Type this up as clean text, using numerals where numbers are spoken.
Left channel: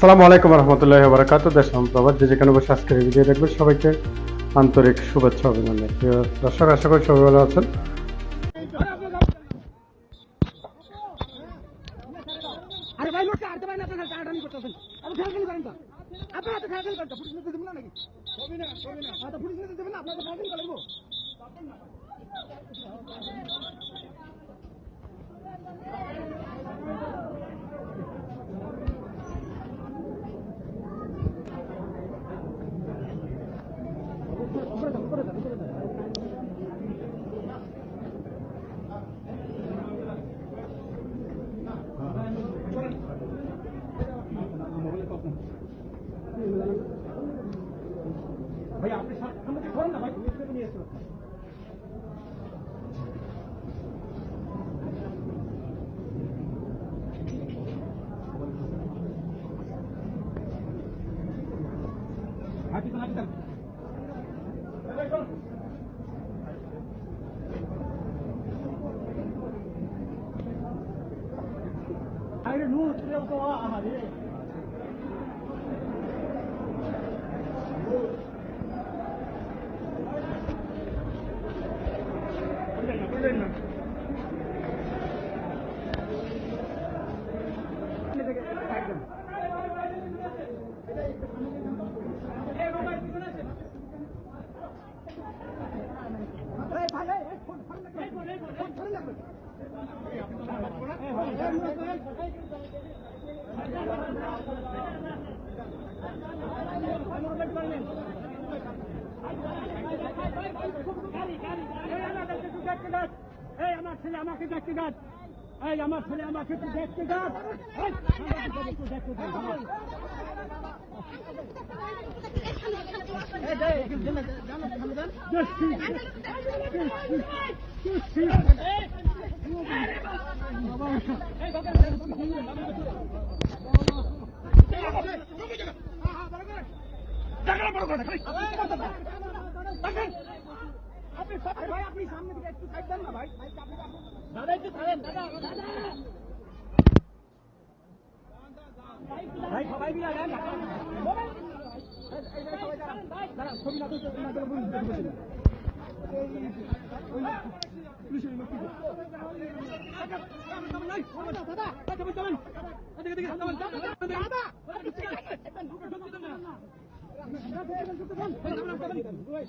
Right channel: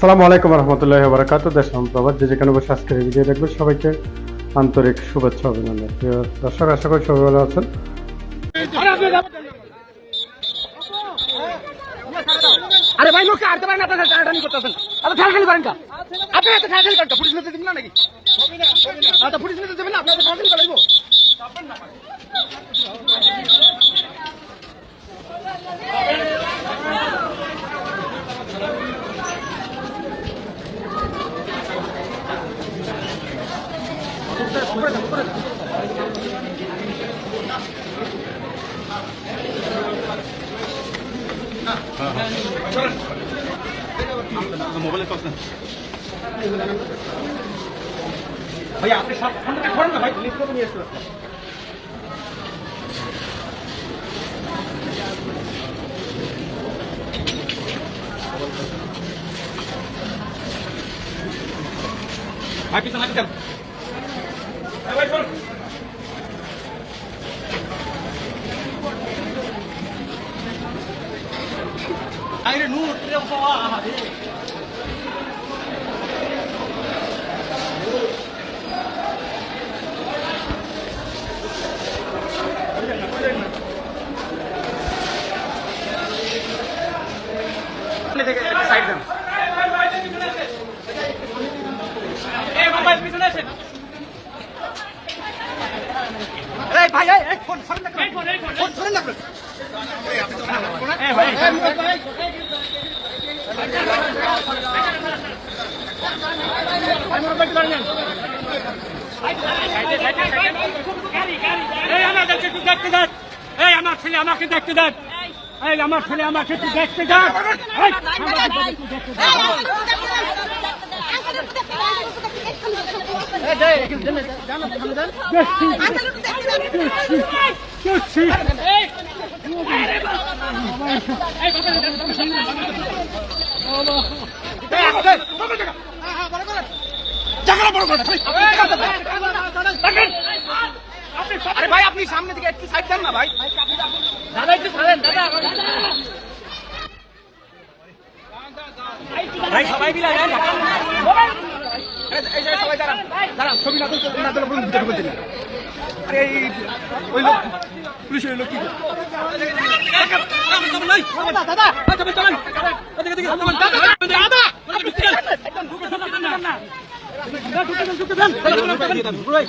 আসসালামু আলাইকুম রহমতুল্লাহি ওয়া বারাকাতুহু। দেশ প্রবাদ যে যেখানে বসে আজকের এই ভিডিও দেখবেন সবাইকে আন্তরিক শুভেচ্ছা অভিনন্দন। প্রিয় দর্শক, আশা করি সবাই ভালো আছেন। আরে ভাই লোকে আরতে পারেন, আপনারা টানাটানি করতেছেন। আপনি ঠেলাঠেলি করেন কা? আপনি এত ঠেলাঠেলি করেন কা? পুলিশ নিতে দিবেন না নাকি? আচ্ছা পুলিশ নিতে দিবেন না, আপনারা ঠেলাঠেলি করবো। মোবাইলে টস না ভাই, আপনি সব ফোনটা করেন না ভাই, লিস্ট করে নিয়ে এসেছেন। ভাই পিছনে আসেন ভাই, চল। আরে নূর রে বাবা, আরে সাইড দেন। এই মোবাইল পিছনে আসেন। এই ভাই, এই ফোন সরেন না, ফোন সরেন না। এই ভাই, আমার ছেলে আমাকে দেখতে দেন, আমার ছেলে আমাকে একটু দেখতে দেন। আরে ভাই, আপনি সামনে দিকে একটু সাইড দেন না ভাই। দাদা একটু ছাড়েন, দাদা ভাই, সবাই মিলে যান। এই যে সবাই দাঁড়ান, দাঁড়ান, ছবি না তুলতে না তুলে বলুন ভিতরে বলতে। আরে ওই লোক পুলিশের লোক কি দাদা দাদা চলেন চলেন এদিকে এদিকে দাদা দাদা একদম ঢুকে না ঢুকে দেন ভাই।